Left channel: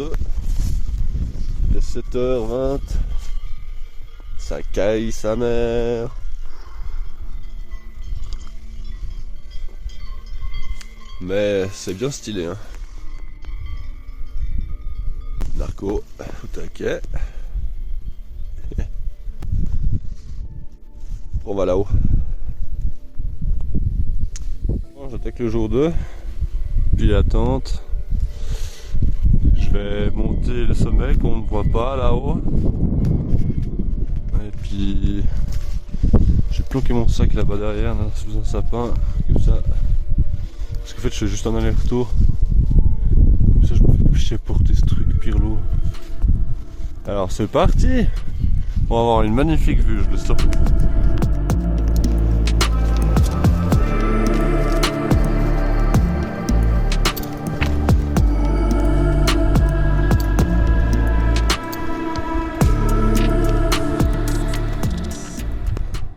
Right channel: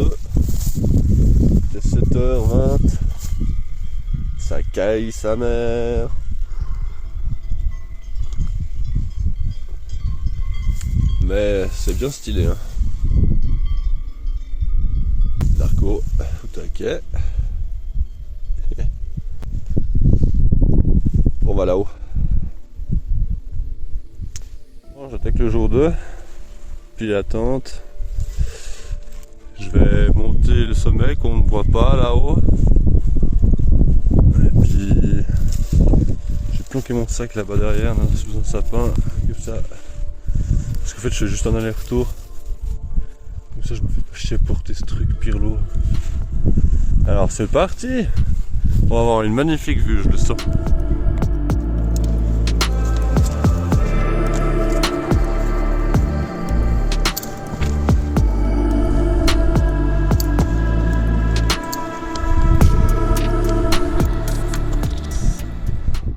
2. Il est 7h20. Ça caille sa mère. Mais c'est bien stylé, hein. Narco, au taquet. On va là-haut. Bon, j'attaque le jour 2. Puis la tente. Je vais monter le sommet qu'on ne voit pas là-haut. Et puis j'ai planqué mon sac là-bas derrière, sous un sapin, comme ça. Parce qu'en fait je fais juste un aller-retour. Comme ça je me fais chier à porter ce truc pire lourd. Alors c'est parti. On va avoir une magnifique vue, je le sens.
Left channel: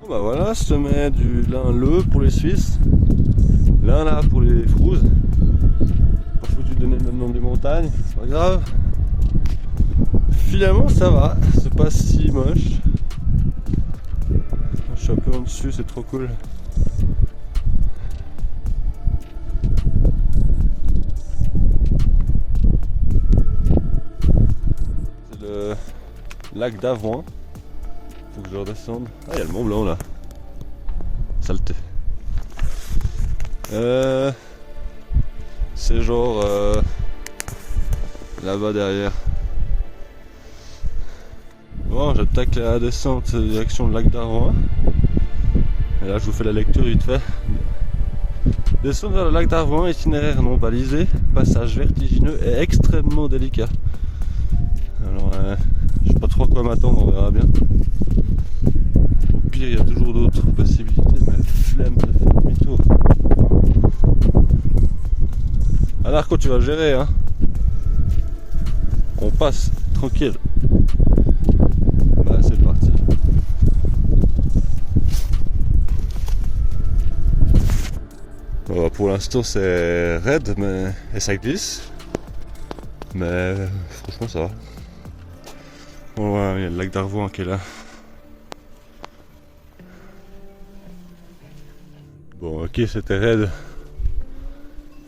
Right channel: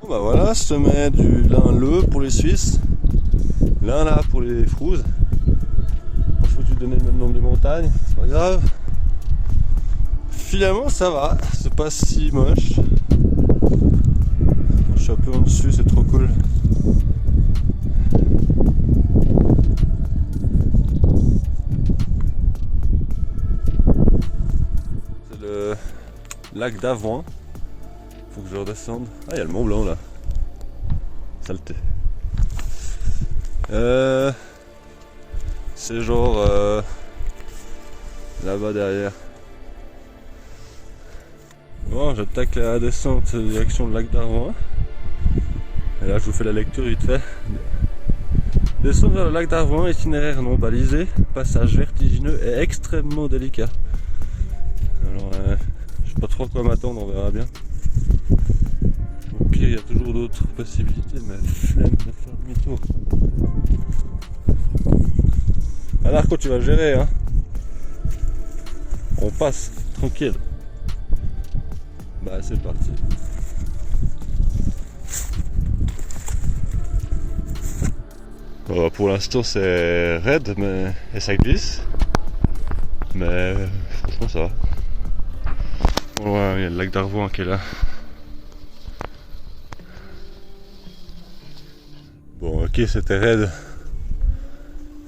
Bah voilà, sommet du Lin-Le pour les Suisses, Lin là pour les Frouzes. Pour ceux qui donnaient le même nom des montagnes, c'est pas grave. Finalement ça va, c'est pas si moche. Je suis un peu en dessus, c'est trop cool. C'est le lac d'Avoine. Faut que je redescende. Ah, il y a le Mont Blanc là. Saleté. C'est genre là-bas derrière. Bon, j'attaque la descente direction le lac d'Avoine. Et là, je vous fais la lecture vite fait. Descendre vers le lac d'Avoine, itinéraire non balisé, passage vertigineux et extrêmement délicat. Alors, je sais pas trop à quoi m'attendre, on verra bien. Au pire, il y a toujours d'autres possibilités, mais flemme de faire demi-tour. Ah, Narco, tu vas gérer, hein. On passe, tranquille. Bah, c'est parti. Bon, pour l'instant, c'est raide, mais et ça glisse. Mais franchement, ça va. Bon, ouais, il y a le lac d'Arvoin qui est là. Bon, ok, c'était raide,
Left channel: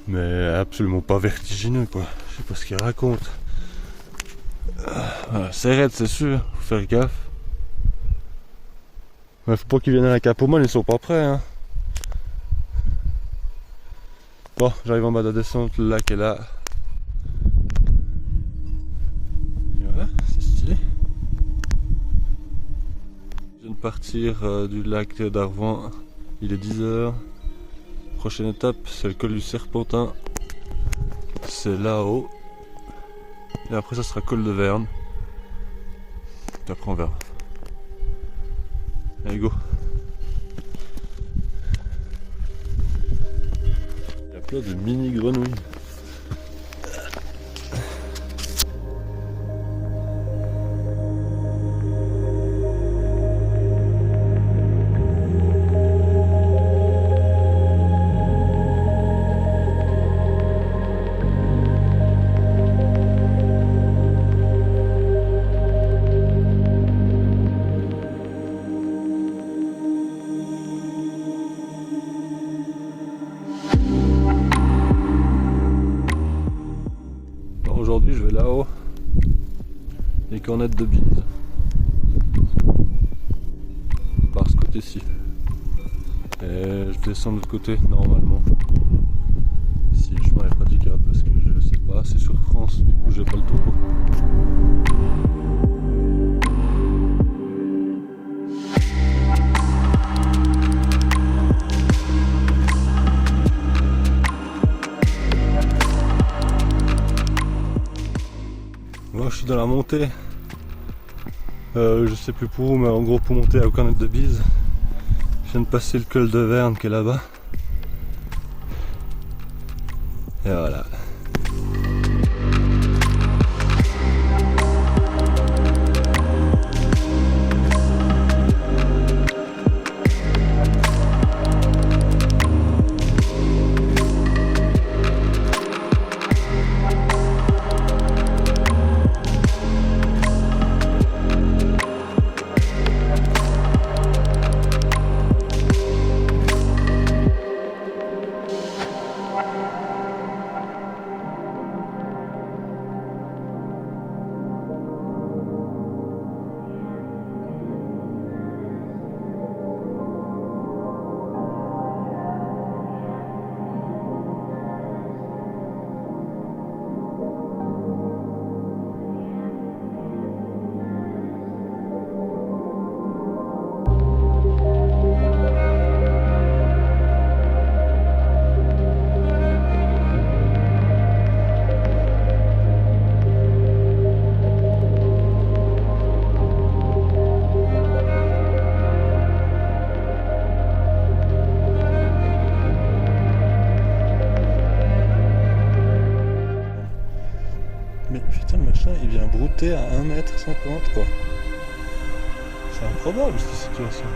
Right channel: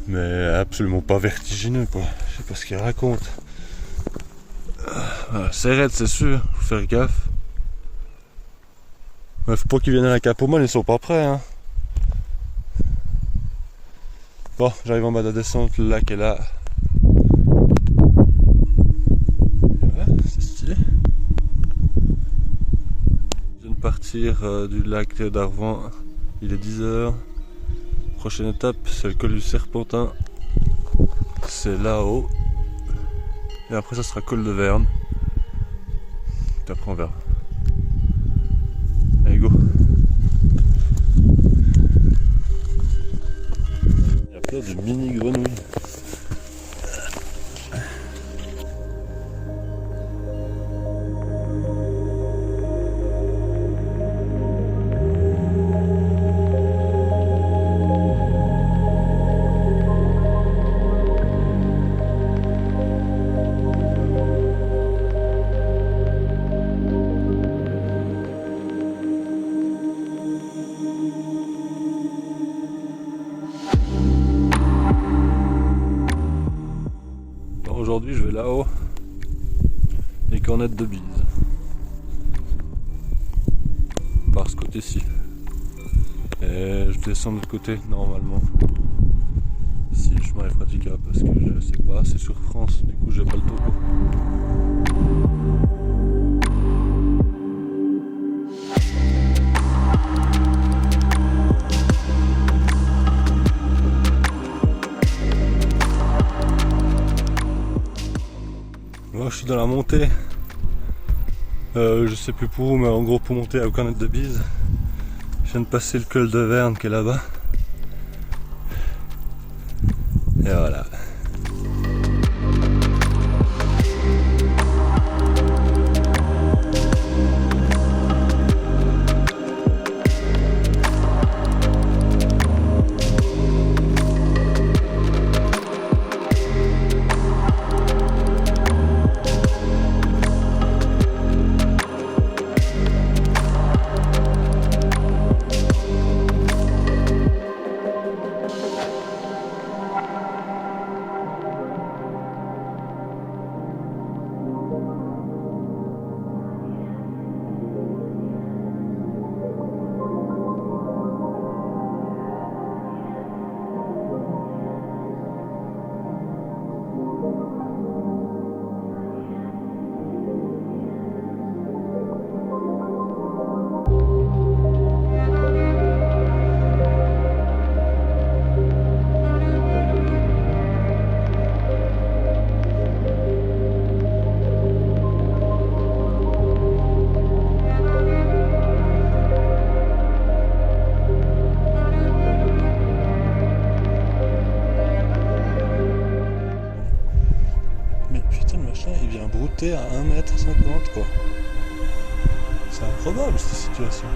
mais absolument pas vertigineux, quoi. Je sais pas ce qu'il raconte. Voilà, c'est raide, c'est sûr, faut faire gaffe. Ouais, faut pas qu'ils viennent à la Capomone, ils sont pas prêts, hein. Bon, j'arrive en bas de la descente, le lac est là. Voilà, c'est stylé. Je viens de partir du lac d'Arvoin. Il est 10h. Prochaine étape, c'est le col du Serpentin. C'est là-haut. Et après, ça sera col de Verne. Et après, on verra. Allez, go. Il y a plein de mini grenouilles. Aujourd'hui je vais là-haut, les cornettes de bise, par ce côté-ci, et je descends de l'autre côté normalement, si le chemin est praticable, parce que je sais pas, c'est sur France, du coup j'ai pas le topo. Moi je suis dans la montée, je sais plus pour où, mais en gros pour monter à Cornette de Bise. Je viens de passer le col de Verne qui est là-bas. Et voilà. putain, le machin il vient brouter à 1m50 quoi. C'est improbable cette situation.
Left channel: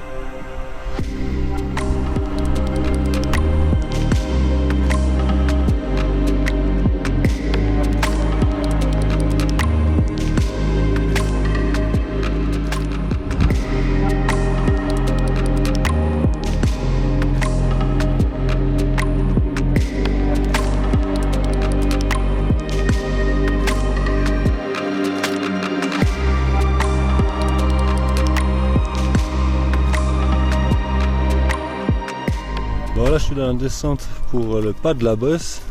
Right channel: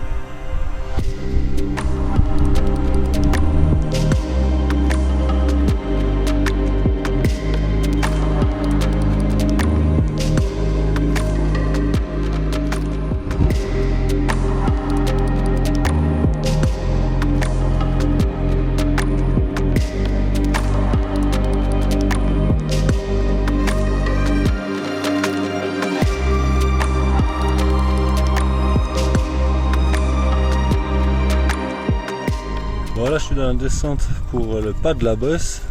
Bon là je suis dans la descente pour le pas de la bosse,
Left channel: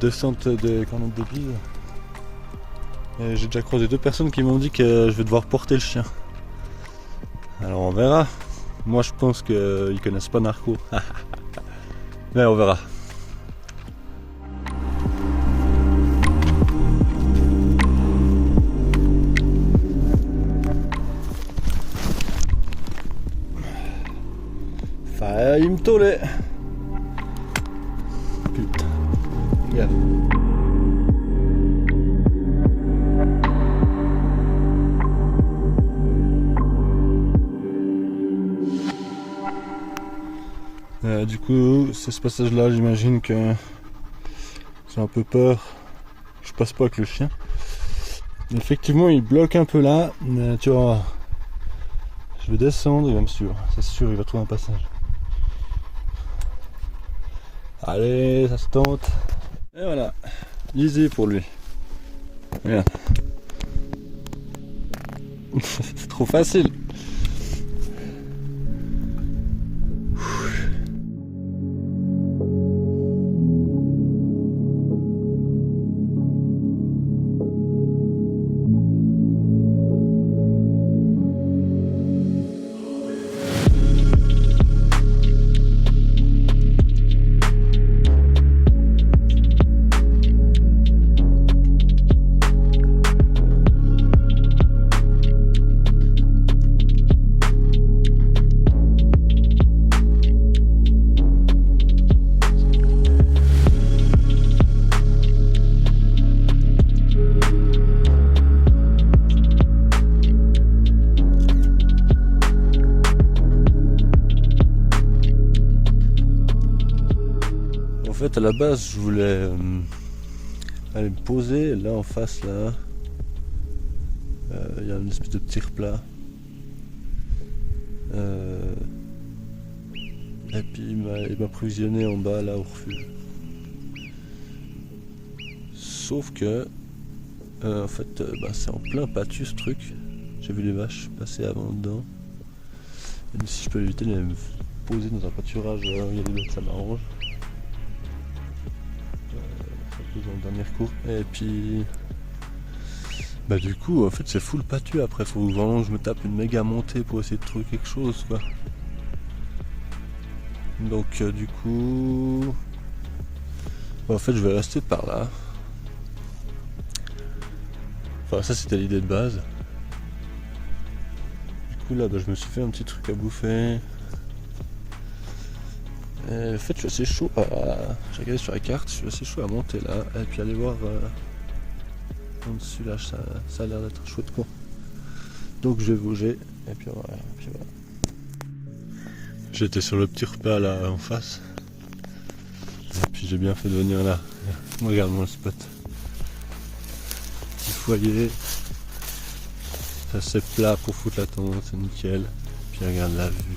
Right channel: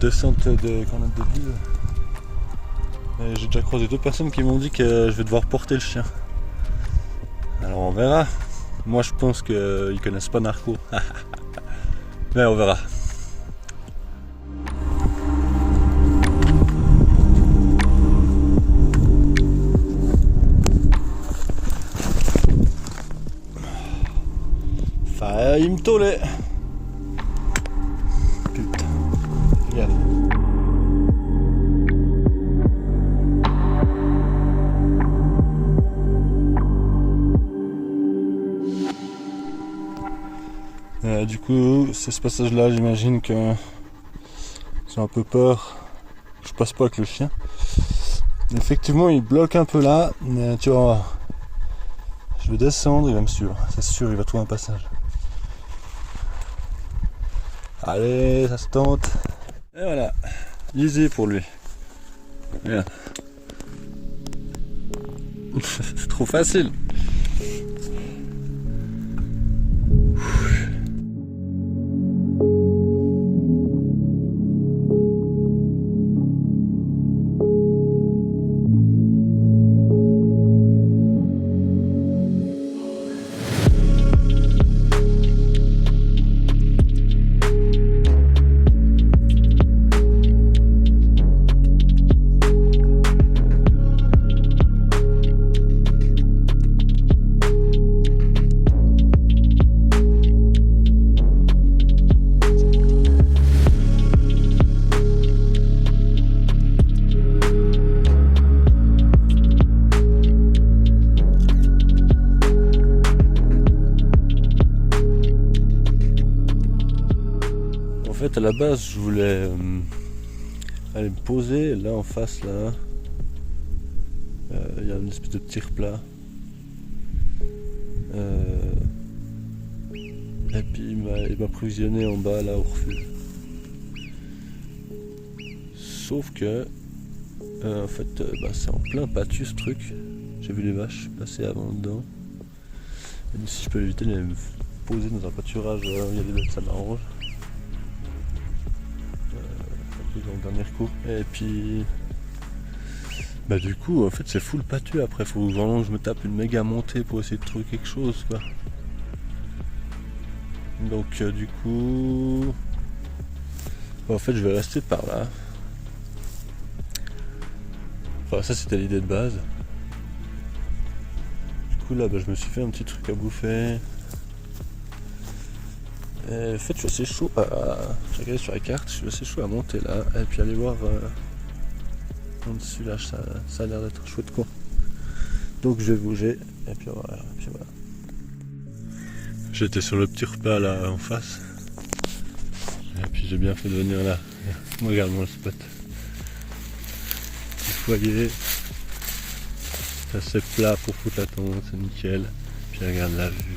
descente des cornettes de bise. J'ai déjà croisé 2 personnes qui m'ont dit que je vais devoir porter le chien. Alors on verra. Moi je pense qu'ils connaissent pas Narco. Mais on verra. Il me tolait. Putain. Regarde. Du coup, c'est ce passage-là, j'imagine que j'ai un peu peur. Je passe pas avec le chien. Effectivement, il bloque un peu là. Mais tu vois, je vais descendre, il va me suivre. C'est sûr, il va trouver un passage. Allez, ça se tente. Et voilà, easy pour lui. Bien. C'est trop facile. En fait, à la base, je voulais aller me poser là en face, là. Il y a une espèce de petit plat. Et puis il m'a provisionné en bas là au refuge. Sauf que en fait c'est en plein pâtu ce truc. J'ai vu les vaches passer avant dedans. Et si je peux éviter de me poser dans un pâturage où il y a des bêtes, ça m'arrange. Dans le dernier coup. Et puis du coup en fait c'est full pâtu. Après faut vraiment que je me tape une méga montée pour essayer de trouver quelque chose quoi. Donc du coup en fait je vais rester par là. Enfin ça c'était l'idée de base. Du coup là je me suis fait un petit truc à bouffer. Et en fait je suis assez chaud à... Je regarde sur la carte, je suis assez chaud à monter là et puis aller voir en dessus là, ça a l'air d'être chouette quoi. Donc je vais bouger et puis voilà. J'étais sur le petit repas là en face. Et puis j'ai bien fait de venir là. Regarde-moi le spot. Petit foyer. C'est assez plat pour foutre la tente, c'est nickel. Puis regarde la vue.